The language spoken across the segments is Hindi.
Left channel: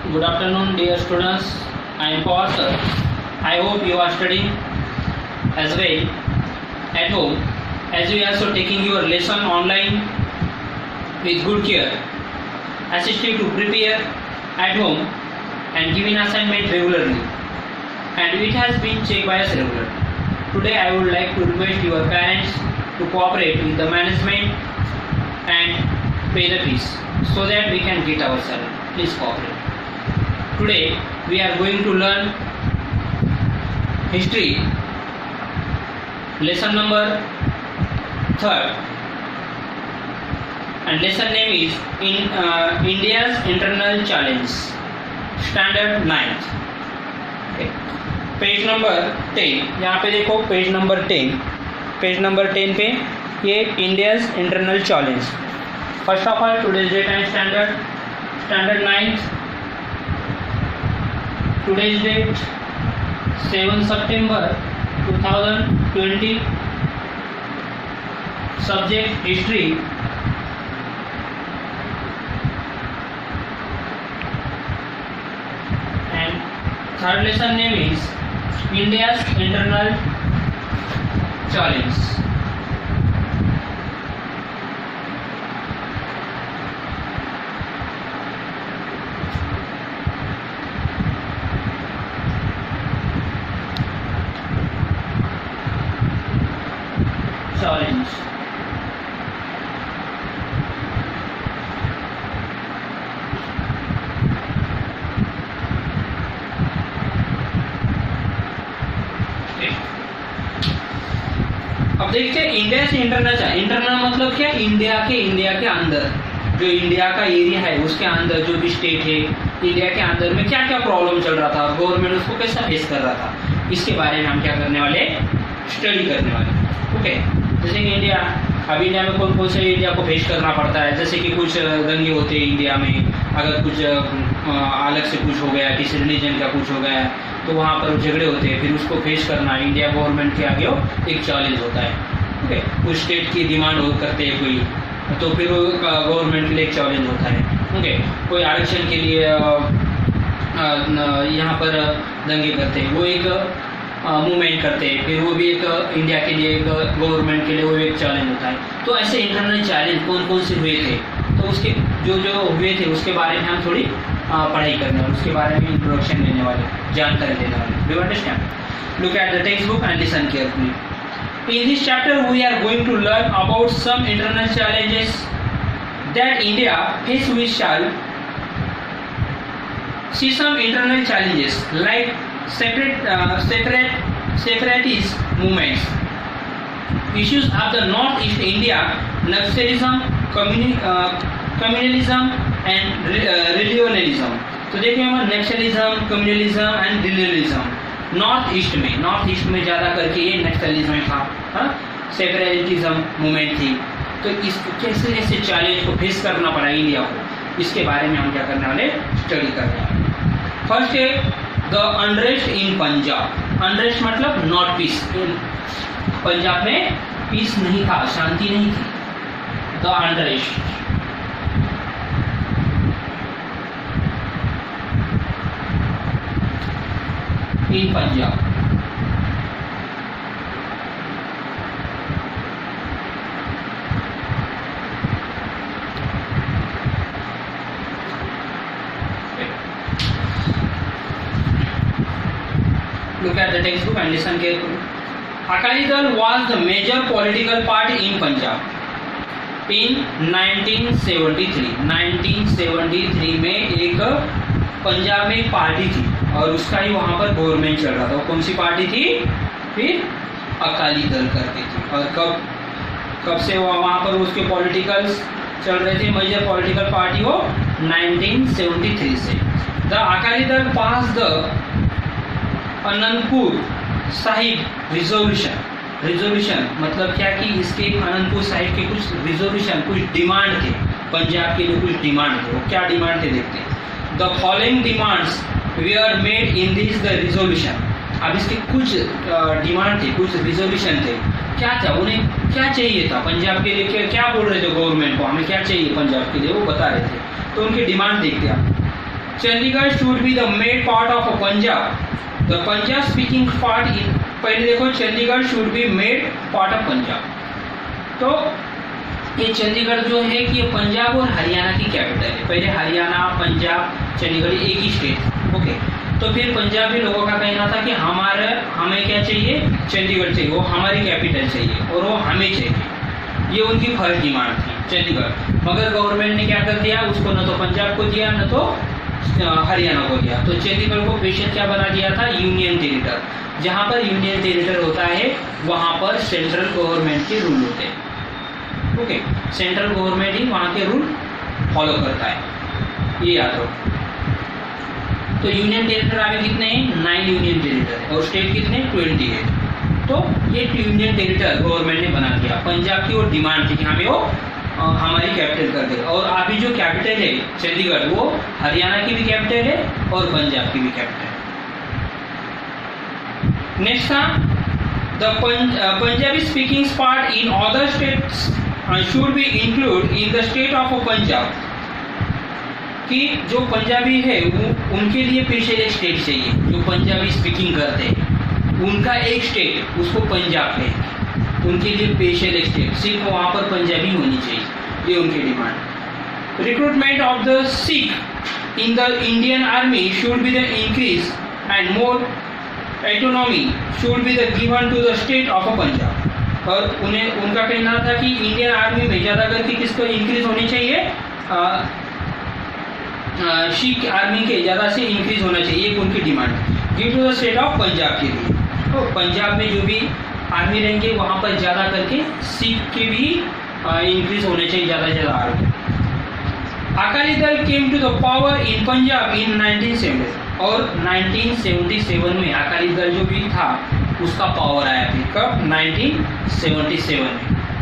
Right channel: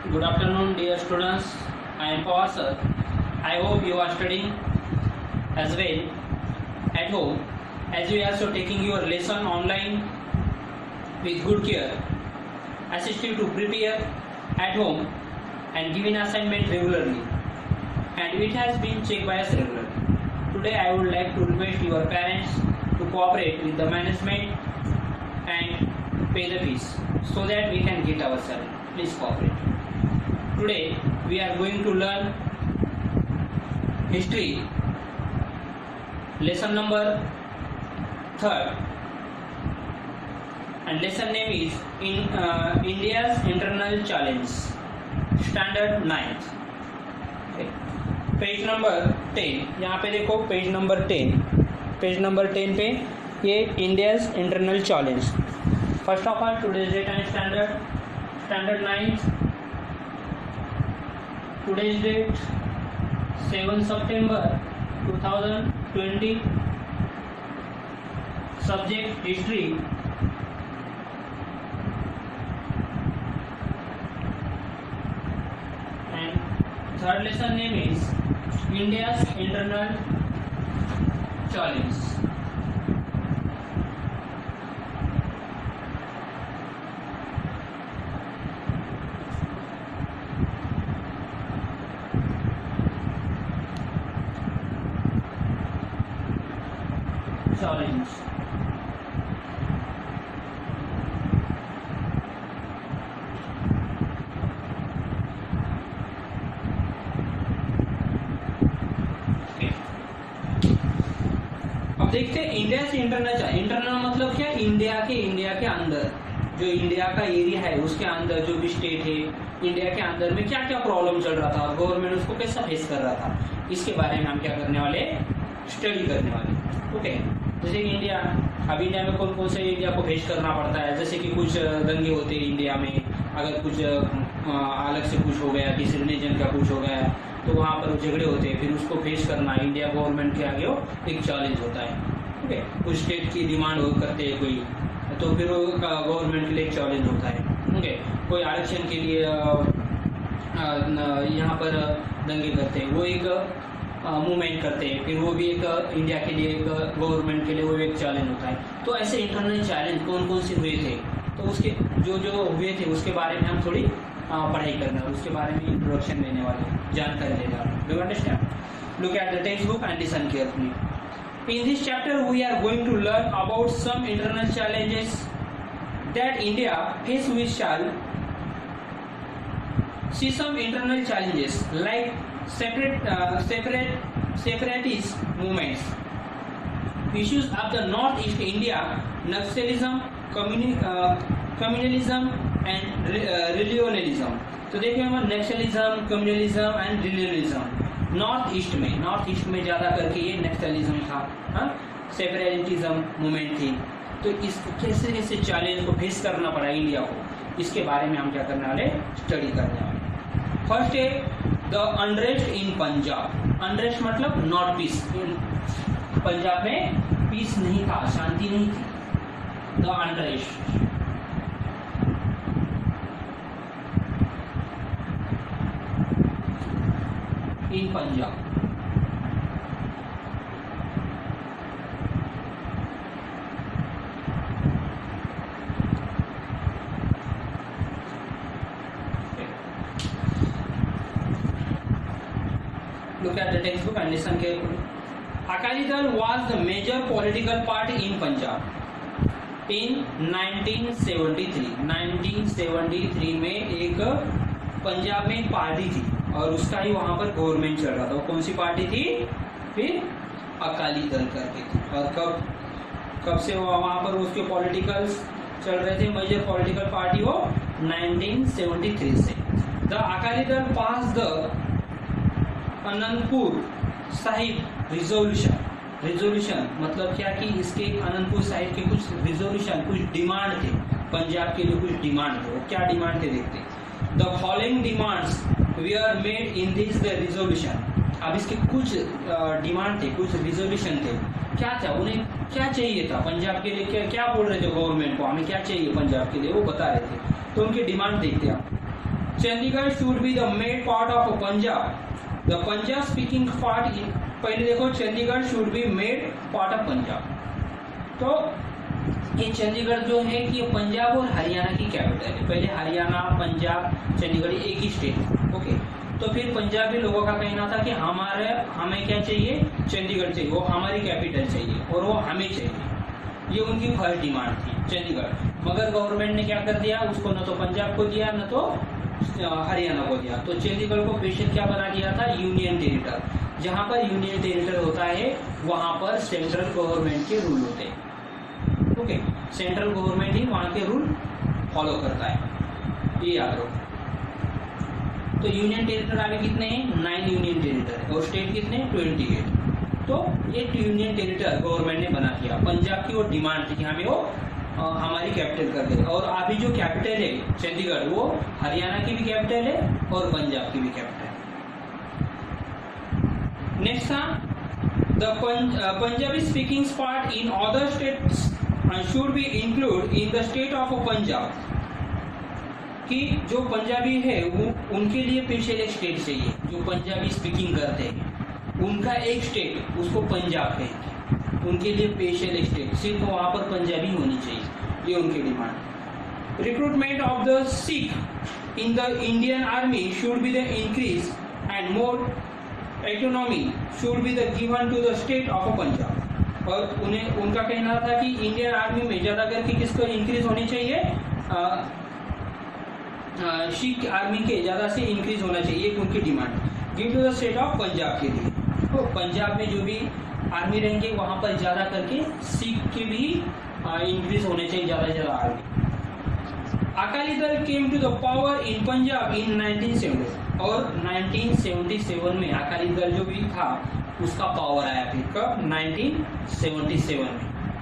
Good afternoon, dear students. I am Pastor. I hope you are studying as well at home, as you are also taking your lesson online with good care, assisting to prepare at home and giving assignment regularly, and it has been checked by us regularly. Today I would like to request your parents to cooperate with the management and pay the fees so that we can get our salary. Please cooperate. Today we are going to learn history, lesson number 3rd, and lesson name is India's Internal Challenge, standard 9th. Okay. Page number 10, यहाँ पे देखो पेज नंबर 10, पेज नंबर 10 पे ये India's internal challenge. First of all today's date and standard 9th. Today's date 7 September 2020. Subject history. And third lesson name is India's Internal Challenge. अब देखते हैं इंडिया से इंटरनल मतलब क्या, इंडिया के अंदर जो इंडिया का एरिया है उसके अंदर जो भी स्टेट है इंडिया के अंदर में क्या क्या प्रॉब्लम चल रहा था, गवर्नमेंट उसको कैसा फेस कर रहा था, इसके बारे में हम क्या करने वाले, स्टडी करने वाले. ओके. जैसे कि इंडिया में कौन कौन से एरिया को फेस करना पड़ता है. जैसे कि कुछ दंगे होते हैं इंडिया में, अगर कुछ अलग से कुछ हो गया, किसी रिलीजन का कुछ हो गया तो वहाँ पर झगड़े होते हैं, फिर उसको फेस करना इंडिया गवर्नमेंट के आगे एक चैलेंज होता है. ओके. कुछ स्टेट की डिमांड करते हैं कोई, तो फिर गवर्नमेंट के लिए एक चैलेंज होता है. ओके. कोई आरक्षण के लिए यहाँ पर दंगे करते हैं, वो एक मूवमेंट करते हैं, फिर वो भी एक इंडिया के लिए, एक गवर्नमेंट के लिए वो एक चैलेंज होता है. तो ऐसे इंटरनल चैलेंज कौन कौन से हुए थे, तो उसके जो हुए थे उसके बारे में हम थोड़ी पढ़ाई करने वाले, उसके बारे में इंट्रोडक्शन देने वाले, जानकारी देने वाले. Do you understand? Look at the text book and listen carefully. In this chapter we are going to learn about some internal challenges that India faced. We shall see some internal challenges like separatist movements, issues of the Northeast India, Naxalism, communalism and regionalism. तो देखिए हम naxalism, communalism and religionism North East में ज़्यादा करके ये नक्सलिज्म था, सेपरेटिज्म मूवमेंट थी. तो इस कैसे कैसे चैलेंज को फेस करना पड़ा इंडिया को, इसके बारे में हम क्या करने वाले, स्टडी करने वाले. फर्स्ट है the unrest in Punjab. Unrest मतलब नॉट पीस. पंजाब में पीस नहीं था, शांति नहीं थी. The unrest in Punjab. Look at the textbook and listen carefully. Akali Dal was the major political party in Punjab in 1973. 1973 में एक पंजाब में एक पार्टी थी और उसका ही वहाँ पर गवर्नमेंट चल रहा था. वो कौन सी पार्टी थी, फिर अकाली दल करके थी. और कब से वहाँ पर उसके पॉलिटिकल्स चल रहे थे, मेजर पॉलिटिकल पार्टी वो 1973 से. The Akali Dal pass the Anantapur Sahib resolution मतलब क्या कि इसके अनंतपुर साहिब के कुछ रिजोल्यूशन, कुछ डिमांड थे, पंजाब के लिए कुछ डिमांड थे. वो क्या डिमांड थे देखते हैं. The following demands were made in this the resolution. अब इसके कुछ डिमांड थे, कुछ रिजोल्यूशन थे. क्या था, उन्हें क्या चाहिए था पंजाब के लिए, क्या बोल रहे थे गवर्नमेंट को, हमें क्या चाहिए पंजाब के लिए, वो बता रहे थे. तो उनकी डिमांड देखते हैं. Chandigarh should be the made part of Punjab, the Punjab speaking part in, पहले देखो Chandigarh should be made part of Punjab. तो ये चंडीगढ़ जो है कि पंजाब और हरियाणा की कैपिटल है। पहले हरियाणा, पंजाब, चंडीगढ़ एक ही स्टेट। ओके, तो फिर पंजाबी लोगों का कहना था कि हमें क्या चाहिए, चंडीगढ़ चाहिए, वो हमारी कैपिटल चाहिए और वो हमें चाहिए। ये उनकी फर्स्ट डिमांड थी चंडीगढ़। मगर गवर्नमेंट ने क्या कर दिया, उसको न तो पंजाब को दिया न तो हरियाणा को दिया। तो चंडीगढ़ को स्पेशल क्या बना दिया था, यूनियन टेरिटरी। जहाँ पर यूनियन टेरिटरी होता है वहाँ पर सेंट्रल गवर्नमेंट के रूल होते हैं। ओके, सेंट्रल गवर्नमेंट ही वहाँ के रूल फॉलो करता है, ये याद रखो। तो यूनियन टेरिटरी आगे कितने हैं, 9 यूनियन टेरिटरी, और स्टेट कितने, 28। तो ये यूनियन टेरिटरी गवर्नमेंट ने बना दिया। पंजाब की वो डिमांड थी कि हमें वो हमारी कैपिटल कर दे। और अभी जो कैपिटल है चंडीगढ़, वो हरियाणा की भी कैपिटल है और पंजाब की भी कैपिटल है। नेक्स्ट था the Punjabi speaking part in other states should be include in the state of Punjab, कि जो पंजाबी है उनके लिए स्पेशल एक स्टेट चाहिए। जो पंजाबी स्पीकिंग करते हैं उनका एक स्टेट, उसको पंजाब कहेंगे, उनके लिए स्पेशल एक स्टेट, सिर्फ वहाँ पर पंजाबी होनी चाहिए, ये उनकी demand. Recruitment of the Sikh in the Indian army should be the increase and more autonomy should be the given to the state of Punjab. और उनका कहना था कि इंडियन आर्मी में ज़्यादा करके किसको इंक्रीज होनी चाहिए, सिख आर्मी के ज़्यादा से इंक्रीज होना चाहिए, एक उनकी डिमांड है। Give to the state of Punjab के लिए, तो पंजाब में जो भी आर्मी रहेंगे वहाँ पर ज़्यादा करके सिख के भी इंक्रीज होने चाहिए, ज़्यादा से ज़्यादा army. Akali Dal came to the power in Punjab in 1970, और 1977 में अकाली दल जो भी था उसका पावर आया फिर कब, 1977 में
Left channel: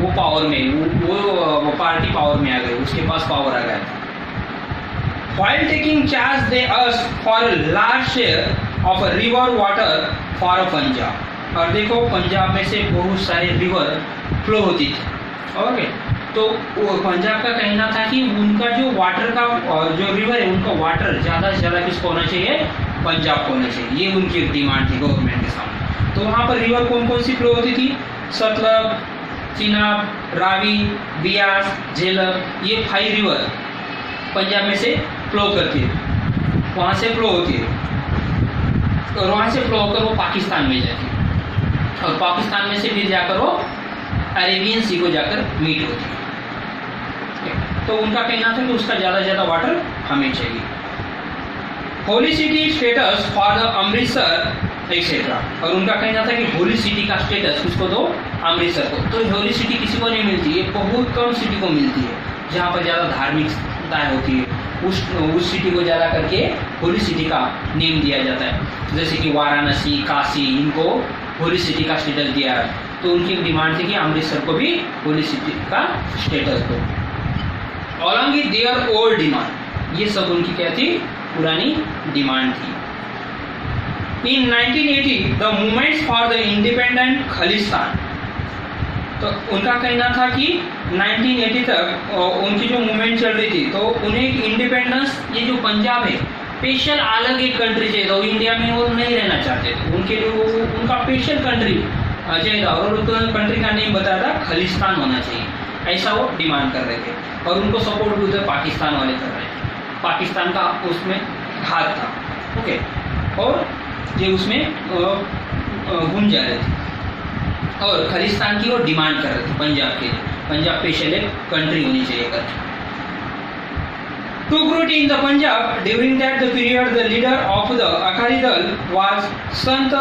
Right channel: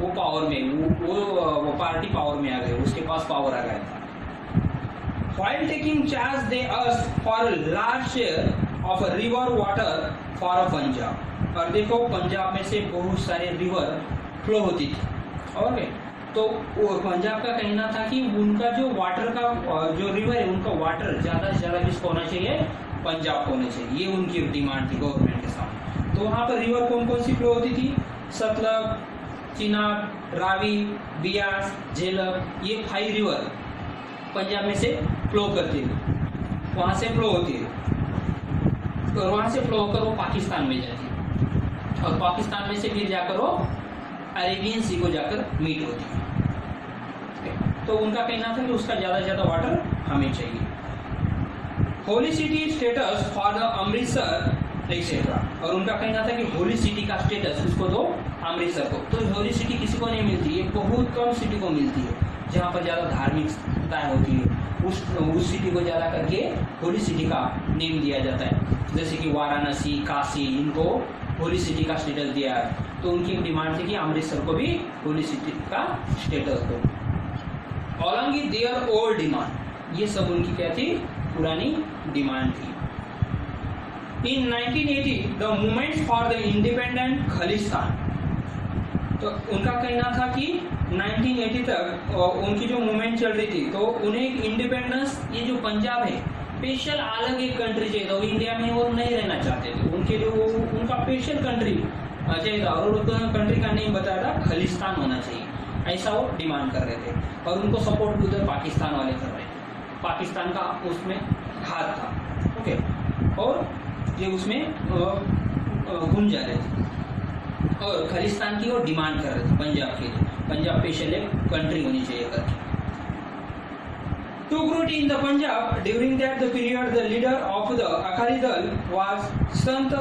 वो पावर में वो पार्टी पावर में आ गई, उसके पास पावर आ गया था। While taking charge, they asked for a large share of a river water for Punjab. और देखो पंजाब में से बहुत सारे रिवर फ्लो होती थी। ओके, तो पंजाब का कहना था कि उनका जो वाटर का जो रिवर है उनका वाटर ज़्यादा से ज़्यादा किसको होना चाहिए, पंजाब को होना चाहिए, ये उनकी डिमांड थी गवर्नमेंट के सामने। तो वहाँ पर रिवर कौन कौन सी फ्लो होती थी, सतलज, चिनाब, रावी, बियास, झेलम, ये 5 रिवर पंजाब में से फ्लो करती है, वहाँ से फ्लो होती है, और वहाँ से फ्लो होकर वो पाकिस्तान में जाती है, और पाकिस्तान में से फिर जाकर वो अरेबियन सी को जाकर मीट होती है। तो उनका कहना था कि उसका ज़्यादा से ज़्यादा वाटर हमें चाहिए। Holy city status for the Amritsar etcetera, और उनका कहना था कि होली सिटी का स्टेटस किसको दो, अमृतसर को। तो होली सिटी किसी को नहीं मिलती, ये बहुत कम सिटी को मिलती है जहाँ पर ज़्यादा धार्मिक होती है, उस सिटी को ज़्यादा करके होली सिटी का नेम दिया जाता है। जैसे कि वाराणसी, काशी, इनको होली सिटी का स्टेटस दिया है। तो उनकी डिमांड थी कि अमृतसर को भी होली सिटी का स्टेटस दो। Along with their old demand, ये सब उनकी क्या थी, पुरानी डिमांड थी। इन 1980 the movements for the independent Khalistan, तो उनका कहना था कि 1980 तक उनकी जो मूवमेंट चल रही थी, तो उन्हें एक इंडिपेंडेंस, ये जो पंजाब है स्पेशल अलग एक कंट्री चाहिए, तो इंडिया में वो नहीं रहना चाहते थे, उनके जो उनका स्पेशल कंट्री चाहिए था, और उनको कंट्री का नेम बताया था खालिस्तान होना चाहिए, ऐसा वो डिमांड कर रहे थे। और उनको सपोर्ट भी उधर पाकिस्तान वाले कर रहे थे, पाकिस्तान का उसमें हाथ था। ओके, और ये उसमें घूम जा रहे थे, और खालिस्तान की वो डिमांड कर रहे थे पंजाब के लिए, पंजाब स्पेशल एक कंट्री होनी चाहिए करके। Took root in the Punjab during that the period. The leader of the Akali Dal was Sant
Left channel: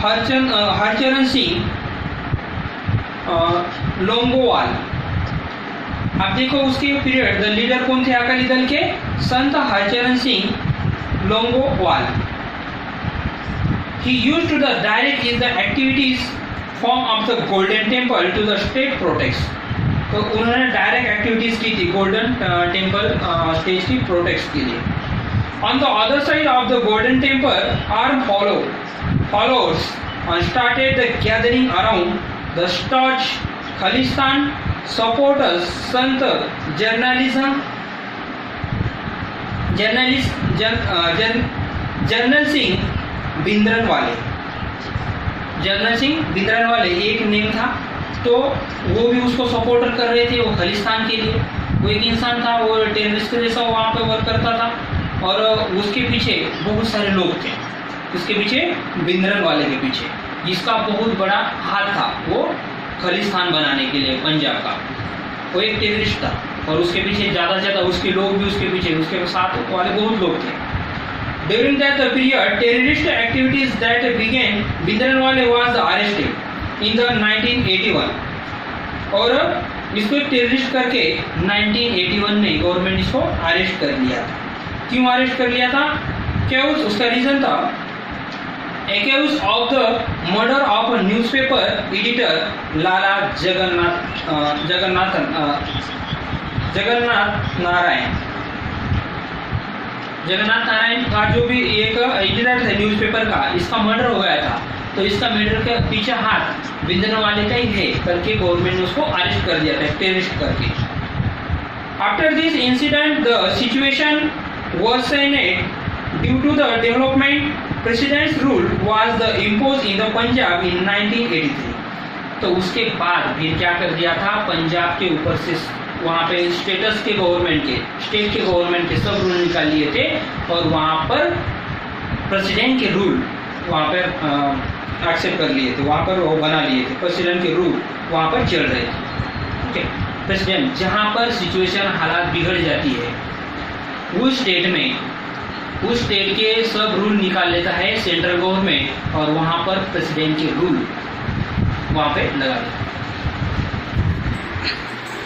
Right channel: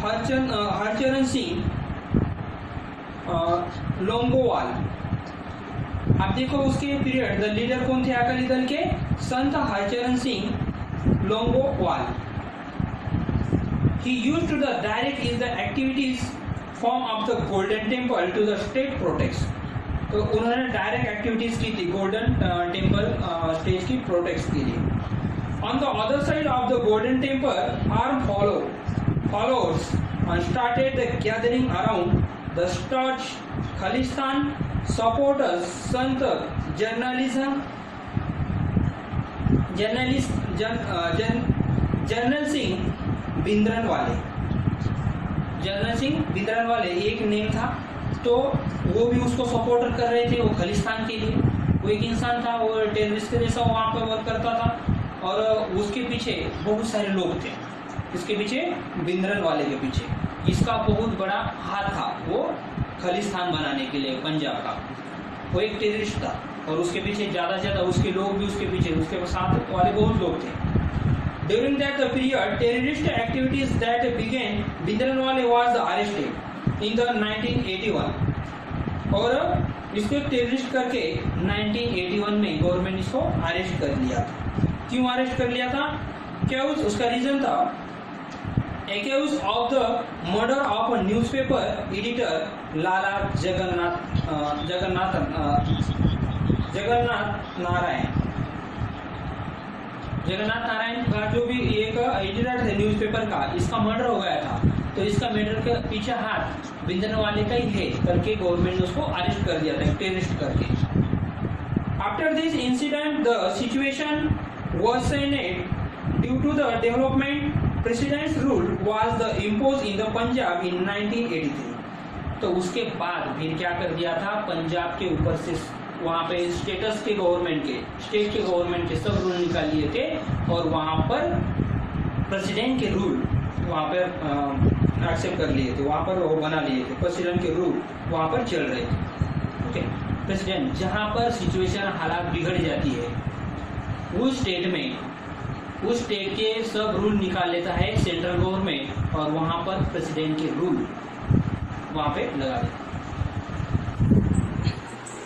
Harcharan Singh Longowal. अब देखो उसके पीरियड, द लीडर कौन थे अकाली दल के, संत Harcharan Singh Longowal. He used to the direct is the activities form of the Golden Temple to the state protects. तो उन्होंने डायरेक्ट एक्टिविटीज की थी गोल्डन टेम्पल स्टेट की प्रोटेक्ट के लिए। On the other side of the Golden Temple arm followers started the gathering around the स्टॉच खालिस्तान सपोर्टर्स संत जर्नलिज्म जनरल सिंह भिंद्रनवाले। जनरल सिंह भिंद्रनवाले एक नेम था, तो वो भी उसको सपोर्टर कर रहे थे, वो खालिस्तान के लिए। वो एक इंसान था, वो टेररिस्ट के जैसा वहाँ पे वर्क करता था, और उसके पीछे बहुत सारे लोग थे, उसके पीछे भिंद्रनवाले के पीछे। इसका बहुत बड़ा हाथ था वो खालिस्तान बनाने के लिए पंजाब का। वो एक टेररिस्ट था, और उसके पीछे ज़्यादा से ज़्यादा उसके लोग भी उसके पीछे, उसके साथ वाले बहुत लोग थे। During that period, terrorist activities that began, Bhindranwale was arrested in the 1981, और इसको एक टेररिस्ट करके 1981 में गवर्नमेंट इसको अरेस्ट कर लिया था। क्यों अरेस्ट कर लिया था? क्या उसका रीजन था? Accused of the murder of a newspaper editor लाला जगन्नाथ नारायण का जो भी एक एडिटर था न्यूज़पेपर का, इसका मर्डर हो गया था। तो इसका मर्डर के पीछे हाथ भिंद्रनवाले का ही है करके गवर्नमेंट ने उसको अरेस्ट कर दिया था टेररिस्ट करके। After this incident the situation worsened due to the development. President's rule was the impose in the Punjab in 1983। तो उसके बाद फिर क्या कर दिया था, पंजाब के ऊपर से वहाँ पे स्टेट के गवर्नमेंट के सब रूल निकाल लिए थे, और वहाँ पर प्रेसिडेंट के रूल वहाँ पर एक्सेप्ट कर लिए थे, वहाँ पर वो बना लिए थे। प्रेसिडेंट के रूल वहाँ पर चल रहे थे। ओके, प्रेसिडेंट जहाँ पर सिचुएशन हालात बिगड़ जाती है उस स्टेट के सब रूल निकाल लेता है सेंट्रल गवर्नमेंट, और वहाँ पर प्रेसिडेंट के रूल वहाँ पे लगा देता है।